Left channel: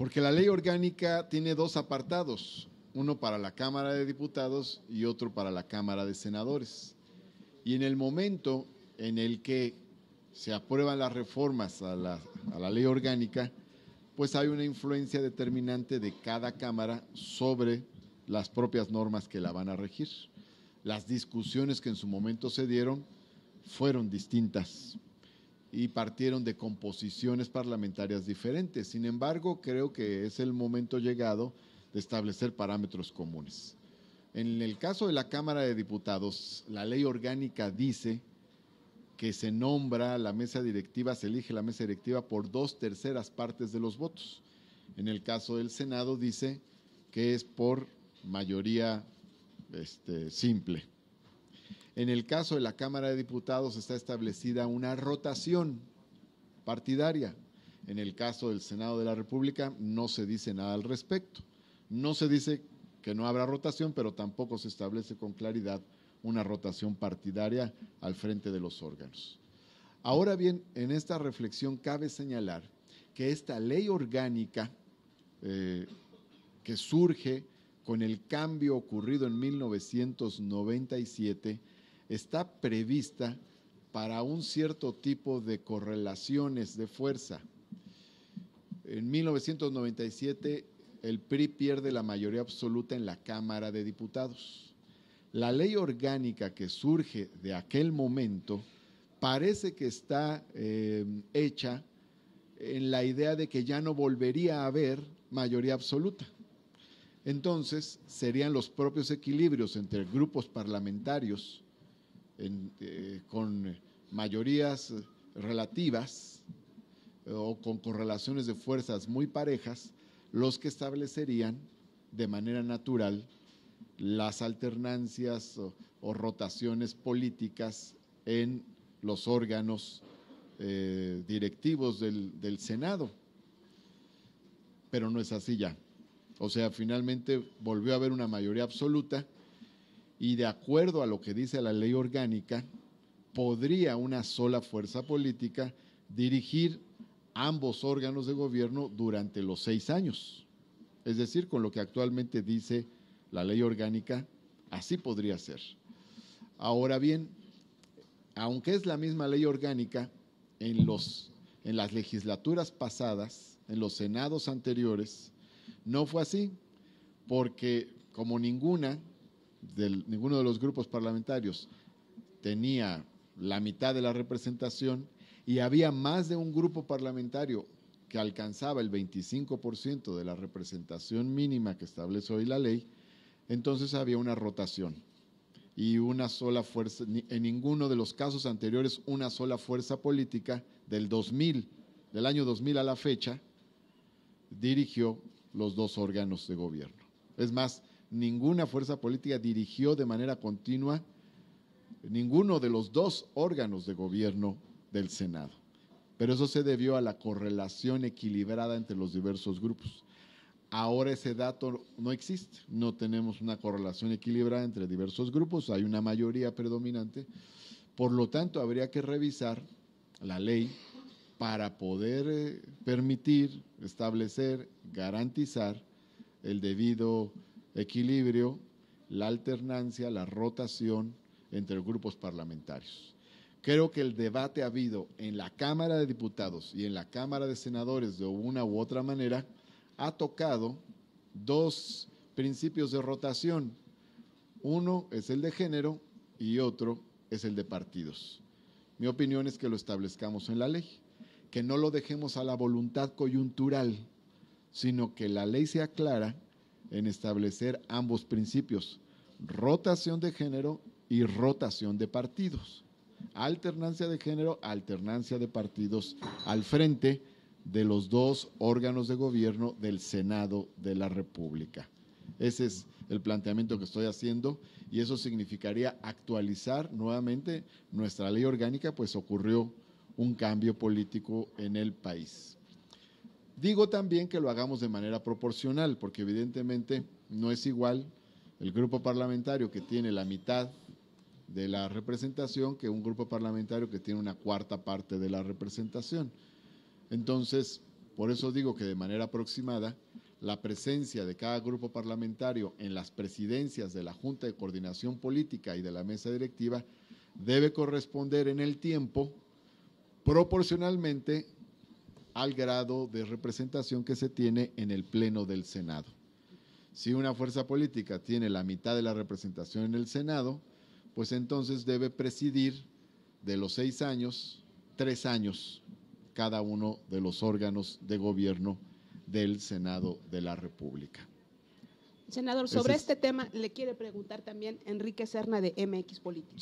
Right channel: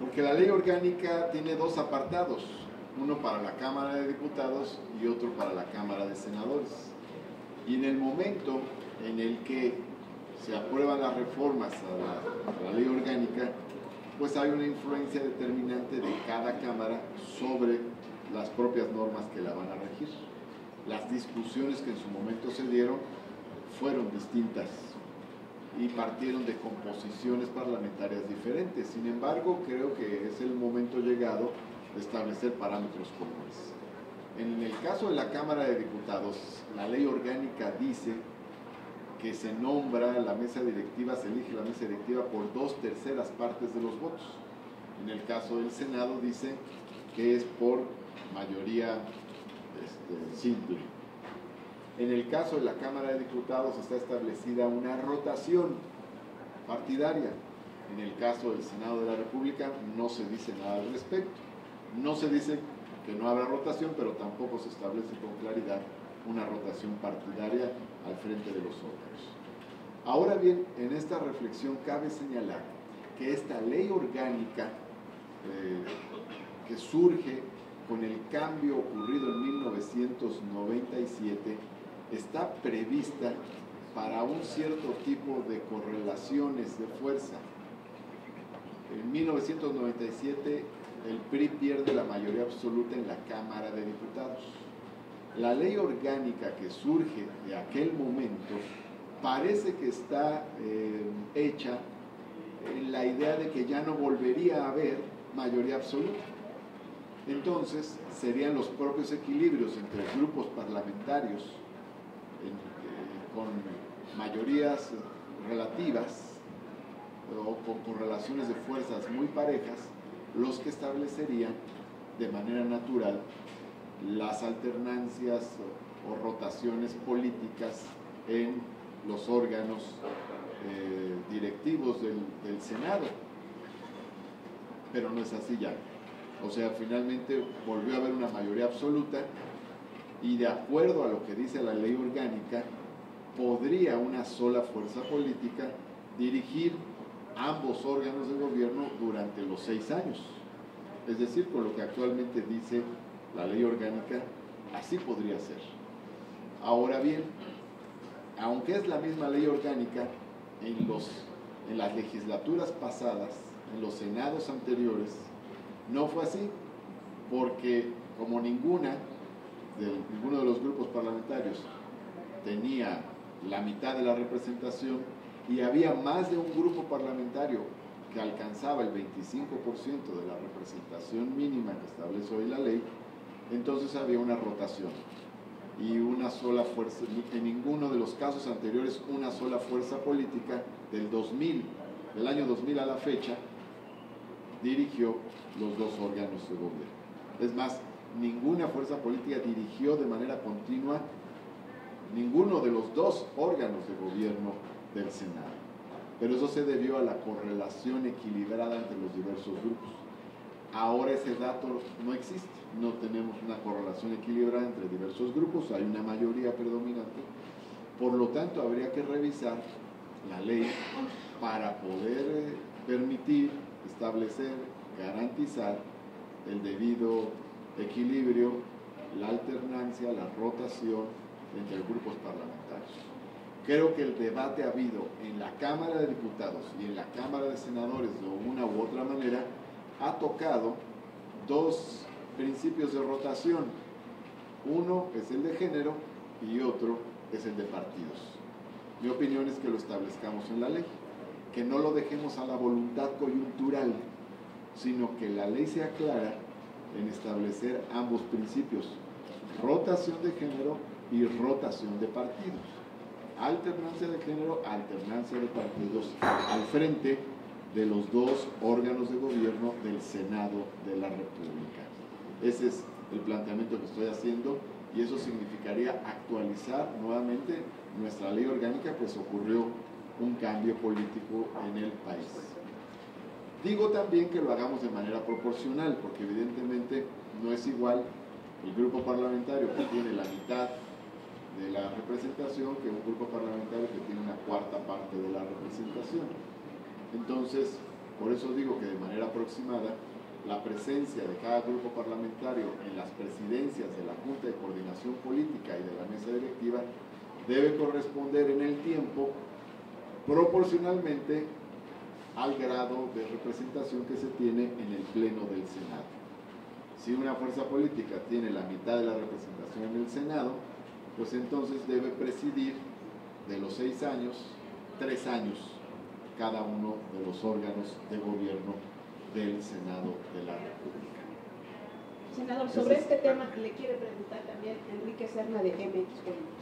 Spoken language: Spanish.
Porque la ley orgánica tiene dos apartados, uno para la Cámara de Diputados y otro para la Cámara de Senadores. Y en el momento en el que se aprueban las reformas a la ley orgánica, pues hay una influencia determinante de cada Cámara sobre las propias normas que la van a regir. Las discusiones que en su momento se dieron fueron distintas y partieron de composiciones parlamentarias diferentes. Sin embargo, creo que es el momento llegado de establecer parámetros comunes. En el caso de la Cámara de Diputados, la ley orgánica dice que se nombra la mesa directiva, se elige la mesa directiva por 2/3 partes de los votos. En el caso del Senado dice que es por mayoría simple. En el caso de la Cámara de Diputados está establecida una rotación partidaria. En el caso del Senado de la República no se dice nada al respecto. No se dice que no habrá rotación, pero tampoco se establece con claridad una rotación partidaria al frente de los órganos. Ahora bien, en esta reflexión cabe señalar que esta ley orgánica que surge con el cambio ocurrido en 1997 está prevista para un cierto tipo de correlaciones de fuerza. En 1997 el PRI pierde la mayoría absoluta en la Cámara de Diputados. La ley orgánica que surge de aquel momento parece que está hecha en la idea de que ya no volvería a haber mayoría absoluta. Entonces serían los propios equilibrios entre grupos parlamentarios con mayorías relativas o con correlaciones de fuerzas muy parejas los que establecerían de manera natural las alternancias o rotaciones políticas en los órganos directivos del Senado. Pero no es así ya. O sea, finalmente volvió a haber una mayoría absoluta y de acuerdo a lo que dice la ley orgánica, podría una sola fuerza política dirigir ambos órganos de gobierno durante los 6 años. Es decir, con lo que actualmente dice la ley orgánica, así podría ser. Ahora bien, aunque es la misma ley orgánica, en las legislaturas pasadas, en los senados anteriores, no fue así, porque como ninguno de los grupos parlamentarios tenía la mitad de la representación y había más de un grupo parlamentario que alcanzaba el 25% de la representación mínima que establece hoy la ley, entonces había una rotación y una sola fuerza, en ninguno de los casos anteriores una sola fuerza política del año 2000 a la fecha, dirigió los dos órganos de gobierno. Es más, ninguna fuerza política dirigió de manera continua ninguno de los dos órganos de gobierno del Senado. Pero eso se debió a la correlación equilibrada entre los diversos grupos. Ahora ese dato no existe, no tenemos una correlación equilibrada entre diversos grupos, hay una mayoría predominante, por lo tanto habría que revisar la ley para poder permitir, establecer, garantizar el debido equilibrio, la alternancia, la rotación entre grupos parlamentarios. Creo que el debate habido en la Cámara de Diputados y en la Cámara de Senadores de una u otra manera ha tocado dos principios de rotación. Uno es el de género y otro es el de partidos. Mi opinión es que lo establezcamos en la ley, que no lo dejemos a la voluntad coyuntural, sino que la ley sea clara en establecer ambos principios, rotación de género y rotación de partidos. Alternancia de género, alternancia de partidos al frente de los dos órganos de gobierno del Senado de la República. Ese es el planteamiento que estoy haciendo y eso significaría actualizar nuevamente nuestra ley orgánica, pues ocurrió un cambio político en el país. Digo también que lo hagamos de manera proporcional, porque evidentemente no es igual el grupo parlamentario que tiene la mitad de la representación que un grupo parlamentario que tiene una cuarta parte de la representación. Entonces, Por eso digo que de manera aproximada, la presencia de cada grupo parlamentario en las presidencias de la Junta de Coordinación Política y de la mesa directiva debe corresponder en el tiempo proporcionalmente al grado de representación que se tiene en el Pleno del Senado. Si una fuerza política tiene la mitad de la representación en el Senado, pues entonces debe presidir de los 6 años, 3 años cada uno de los órganos de gobierno del Senado de la República. Senador, sobre este tema le quiere preguntar también Enrique Serna de MX Políticos.